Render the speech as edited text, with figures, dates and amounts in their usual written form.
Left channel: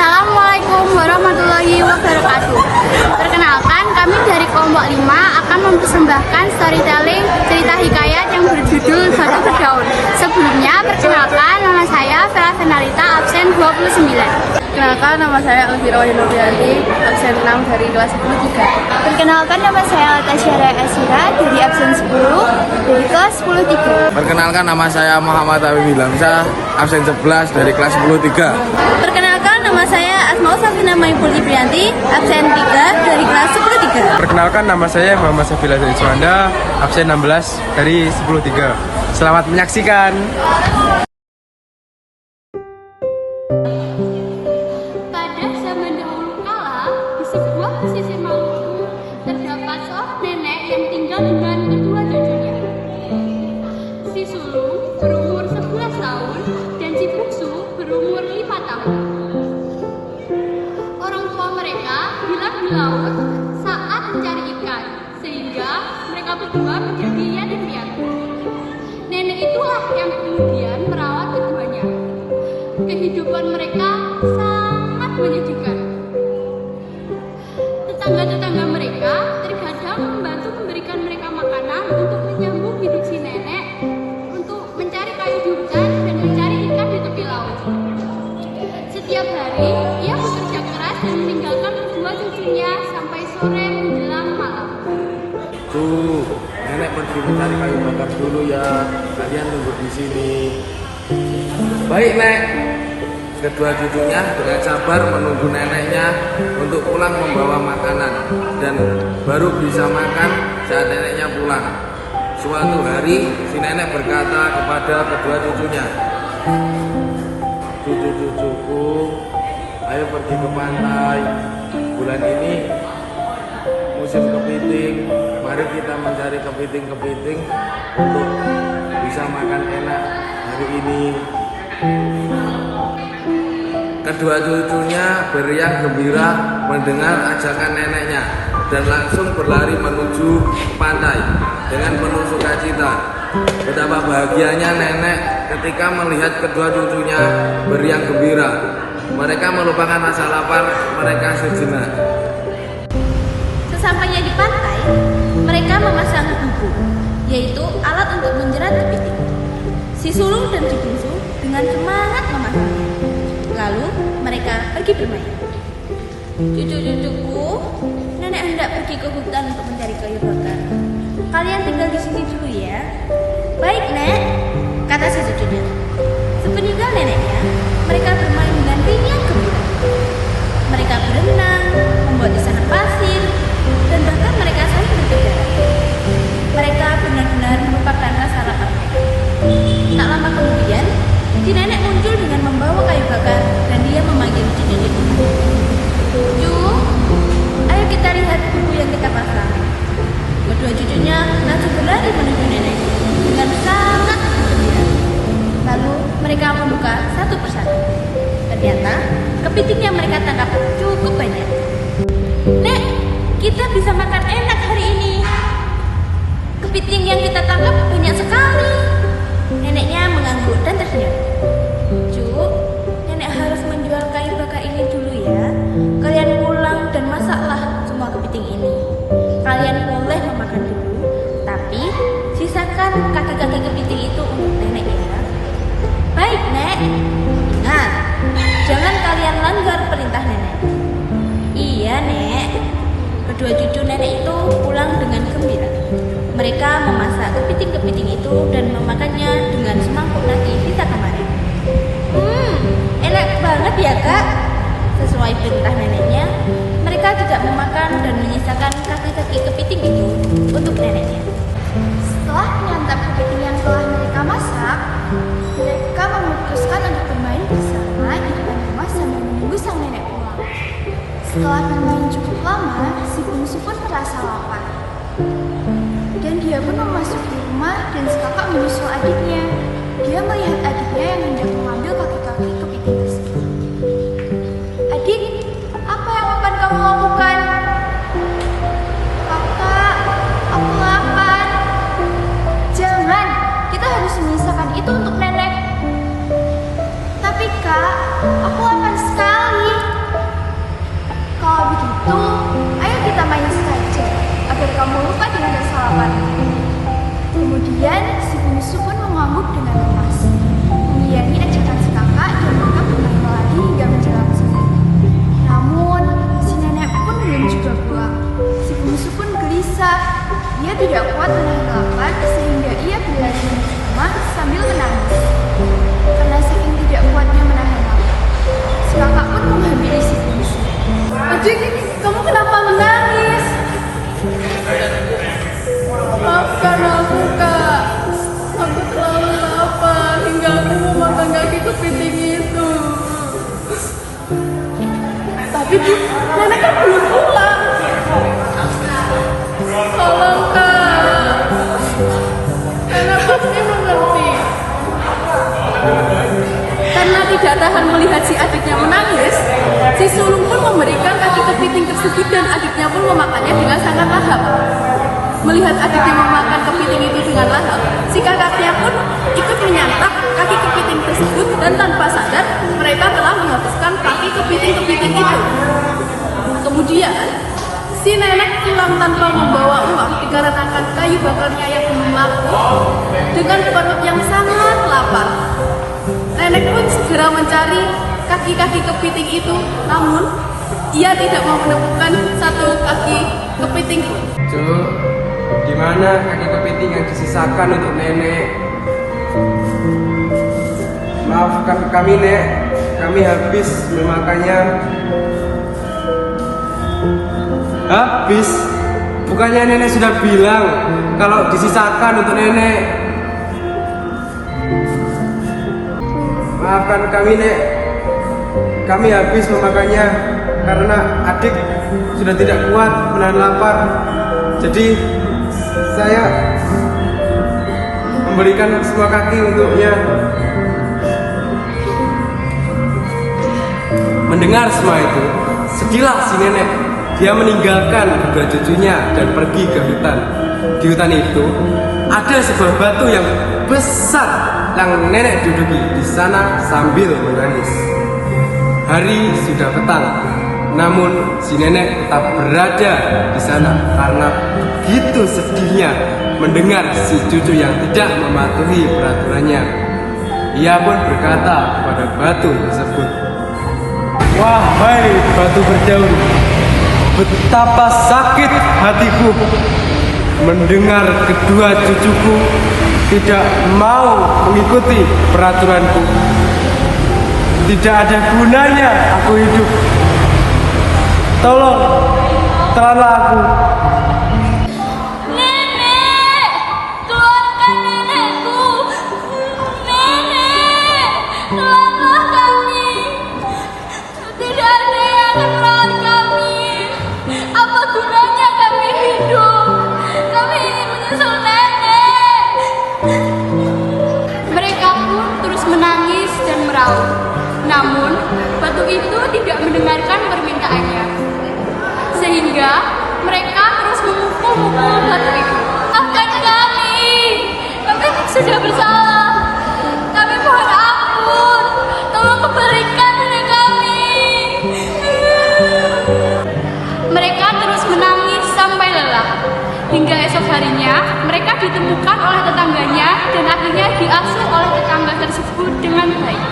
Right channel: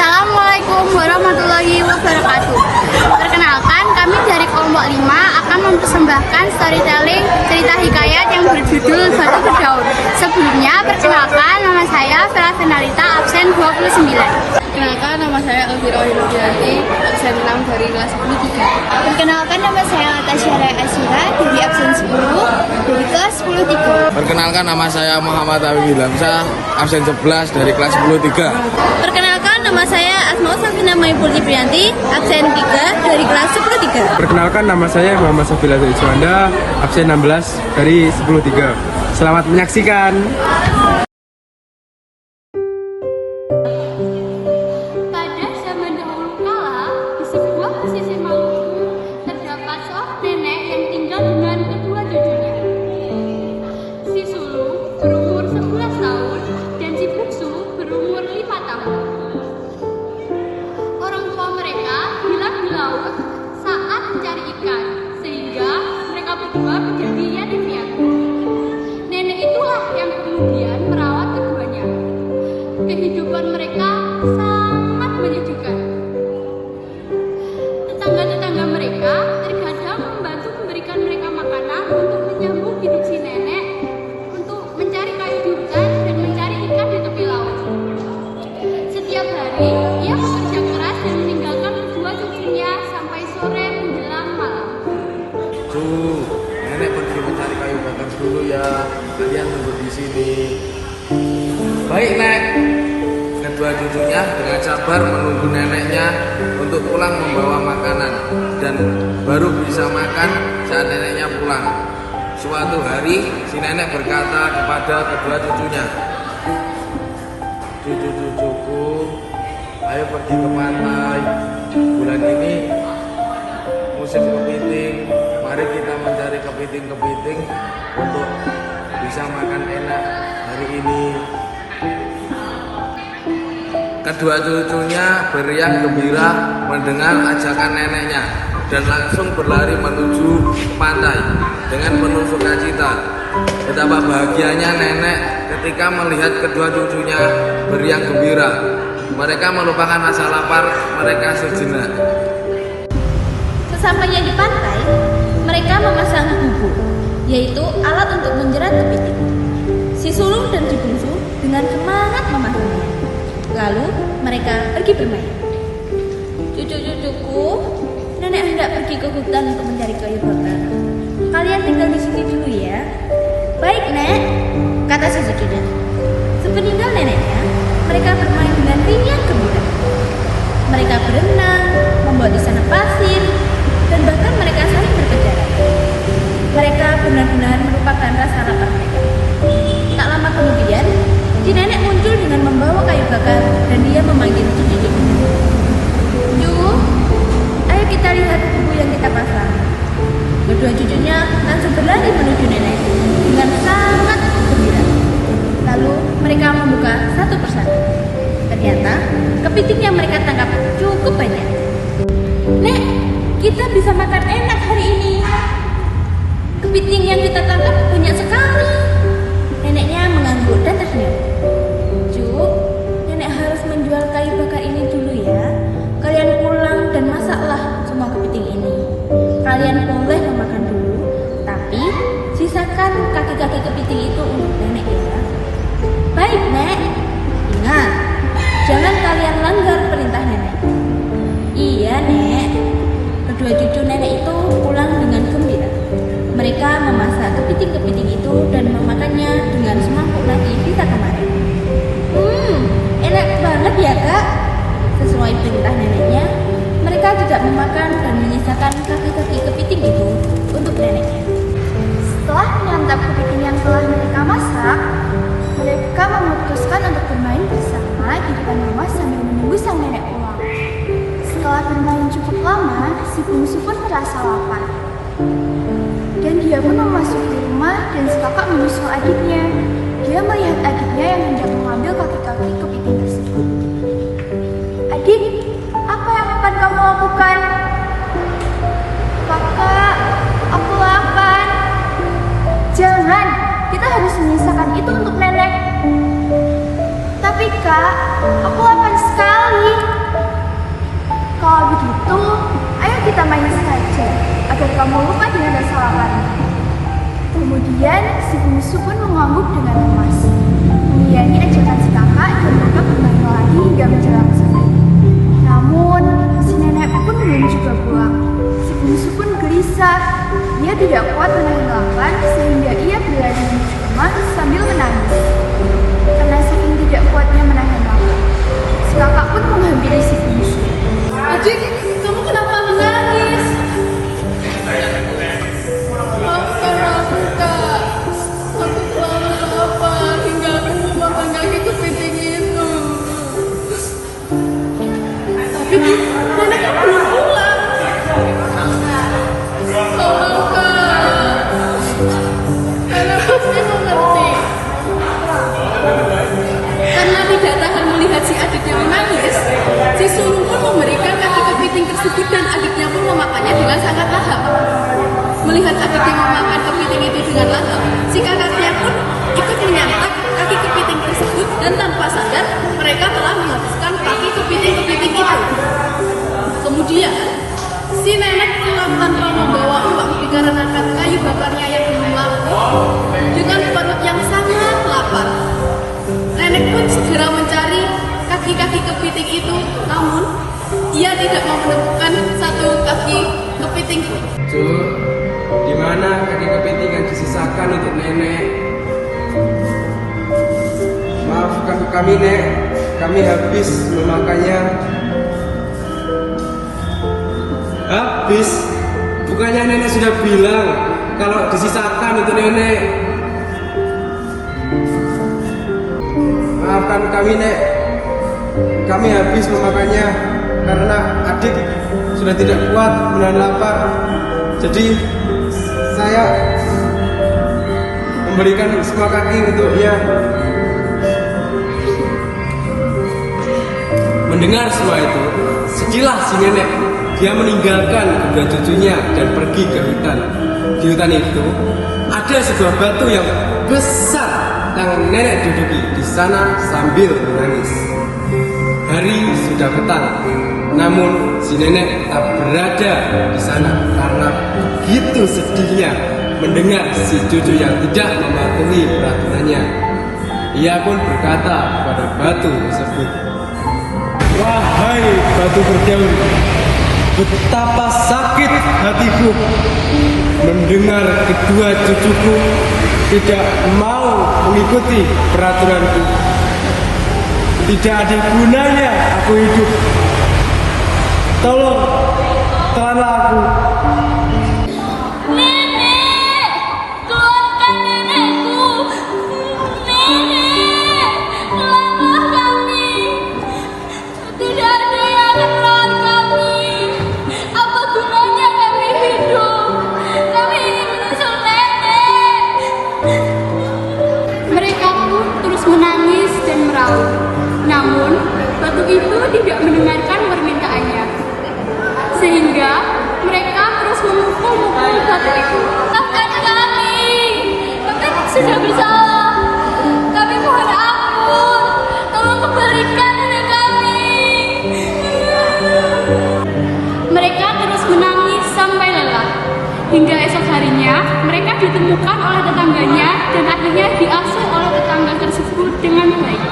Assalamualaikum warahmatullahi wabarakatuh. Perkenalkan, kami dari kelompok 5 akan mempersembahkan storytelling cerita hikayat yang berjudul Batu Berdaun. Sebelumnya, perkenalkan, nama saya Vera Senalita, absen 29. Perkenalkan, nama saya Elvira Wahilovianti, absen 6 dari kelas 10-3. Perkenalkan, nama saya Altasyara Esira dari absen 10 dari kelas 10-3. Perkenalkan, nama saya Muhammad Abi Lamsa, absen 11 dari kelas 10-3. Perkenalkan, nama saya Asmaul Safina Maipul Priyanti, absen 3 dari kelas 10-3. Perkenalkan, nama saya Muhammad Safila Zaiswanda, absen 16 dari 10-3. Selamat menyaksikan. Pada zaman dahulu kala, di sebuah pesisir Maluku, terdapat seorang nenek yang tinggal dengan kedua cucunya. Si sulung berumur 11 tahun dan si bungsu berumur 5 tahun. Orang tua mereka hilang di laut saat mencari ikan, sehingga mereka berdua menjadi yatim piatu. Nenek itulah yang kemudian merawat keduanya. Kehidupan mereka sangat menyedihkan. Tetangga-tetangga mereka terkadang membantu memberikan mereka makanan untuk menyambung hidup si nenek, untuk mencari kayu di hutan dan mencari ikan di tepi laut. Setiap hari, ia bekerja keras dan meninggalkan kedua cucunya sampai sore menjelang malam. Tuh, nenek pergi mencari kayu bakar dulu ya. Kalian tunggu di sini. Baik, Nek. Kedua cucunya dengan sabar menunggu neneknya untuk pulang membawa makanan dan baru bisa makan saat neneknya pulang. Suatu hari, si nenek berkata kepada kedua cucunya, "Cucu-cucuku, ayo pergi ke pantai. Bulan ini musim kepiting. Mari kita mencari kepiting-kepiting untuk bisa makan enak hari ini." Kedua cucunya beriang gembira mendengar ajakan neneknya dan langsung berlari menuju ke pantai dengan penuh sukacita. Betapa bahagianya nenek ketika melihat kedua cucunya beriang gembira. Mereka melupakan rasa lapar mereka sejenak. Sesampainya di pantai, mereka memasang bubu, yaitu alat untuk menjerat kepiting. Si sulung dan si bungsu dengan semangat memasangnya. Lalu mereka pergi bermain. "Cucu-cucuku, nenek hendak pergi ke hutan untuk mencari kayu bakar. Kalian tinggal di sini dulu ya." "Baik, Nek," kata si cucunya. Sepeninggal neneknya, mereka bermain dengan riang gembira. Mereka berenang, membuat di sana pasir, dan bahkan mereka saling berkejaran. Mereka benar-benar melupakan rasa lapar mereka. Tak lama kemudian, si nenek muncul dengan membawa kayu bakar dan dia memanggil cucunya. "Cu, ayo kita lihat bubu yang kita pasang." Kedua cucunya langsung berlari menuju nenek dengan sangat gembira. Lalu mereka membuka satu persatu. Ternyata kepiting yang mereka tangkap cukup banyak. "Nek, kita bisa makan enak hari ini. Kepiting yang kita tangkap banyak sekali." Neneknya mengangguk dan tersenyum. "Cu, nenek harus menjual kayu bakar ini dulu ya. Kalian pulang dan masaklah semua kepiting ini. Kalian boleh memakan dulu, tapi sisakan kaki-kaki kepiting itu untuk nenek ya." "Baik, Nek. Ingat, jangan kalian langgar perintah nenek." "Iya, Nek." Kedua cucu nenek itu pulang dengan gembira. Mereka memasak kepiting-kepiting itu dan memakannya dengan semangkuk nasi sisa kemarin. Enak banget ya, Kak." Sesuai perintah neneknya, mereka tidak memakan dan menyisakan kaki-kaki kepiting itu untuk neneknya. Setelah menyantap kepiting yang telah mereka masak, mereka memutuskan untuk bermain bersama di depan rumah sambil menunggu sang nenek pulang. Setelah bermain cukup lama, si bungsu pun merasa lapar. Dan dia pun memasuki rumah dan si kakak menyusul adiknya. Dia melihat adiknya yang hendak mengambil kaki-kaki kepiting tersebut. "Adik, apa yang akan kamu lakukan?" "Kakak, aku lapar." "Jangan, kita harus menyisakan itu untuk nenek." "Tapi Kak, aku lapar sekali." kamu lupa dengan rasa lapar. Kemudian si bungsu pun mengangguk dengan lemas, mengiyani ajakan si kakak dan mereka bermain lagi hingga menjelang sore. Namun si nenek pun belum juga pulang. Si bungsu pun gelisah. Dia tidak kuat menahan lapar sehingga ia berlari menuju rumah sambil menangis. Karena saking tidak kuatnya menahan lapar, si kakak pun menghampiri si bungsu. Adik, kamu kenapa menangis? Maafkan aku, Kak. Aku terlalu lapar hingga aku mau makan kaki kepiting itu. Tapi nenek kan belum pulang. Tolong, Kak. Nenek pasti mengerti. Karena tidak tahan melihat si adiknya menangis, si sulung pun memberikan kaki kepiting tersebut dan adiknya pun memakannya dengan sangat lahap. Melihat adiknya memakan kepiting itu dengan lahap, si kakaknya pun ikut menyantap kaki kepiting tersebut dan tanpa sadar mereka telah menghabiskan kaki kepiting-kepiting itu. Kemudian, si nenek pulang tanpa membawa uang dikarenakan kayu bakarnya yang belum laku dengan perut yang sangat lapar. Nenek pun segera mencari kaki-kaki kepiting itu, namun ia tidak mau menemukan satu kaki kepiting pun. Cuk, di mana kaki kepiting yang disisakan untuk nenek? Maafkan kami, Nek. Kami habis memakannya. Habis? Bukannya nenek sudah bilang kalau disisakan untuk nenek? Maafkan kami, Nek. Kami habis memakannya karena adik sudah tidak kuat menahan lapar. Jadi saya memberikan semua kaki untuknya. Mendengar semua itu, sedihlah si nenek. Dia meninggalkan kedua cucunya dan pergi ke hutan. Di hutan itu ada sebuah batu yang besar yang nenek duduki di sana sambil menangis. Hari sudah petang, namun si nenek tetap berada di sana karena begitu sedihnya mendengar si cucu yang tidak mematuhi peraturannya. Ia pun berkata kepada batu tersebut, "Wahai batu berdaun, betapa sakit hatiku mendengar kedua cucuku tidak mau mengikuti peraturanku. Tidak ada gunanya aku hidup. Tolong, teranlah aku." Nenek, keluarkan nenekku. Nenek, tolonglah kami. Tidak ada yang akan melawan kami. Apa gunanya kami hidup? Kami ingin menyusul nenek. Mereka pun terus menangis dan meraung. Namun, batu itu tidak mendengarkan permintaannya. Sehingga mereka terus memukul-mukul batu itu. Maafkan kami. Kami sudah bersalah. Kami mohon ampun. Tolong kembalikan nenek kami. Mereka terus menangis sampai lelah. Hingga esok harinya, mereka ditemukan oleh tetangganya dan akhirnya diasuh oleh tetangga tersebut dengan baik.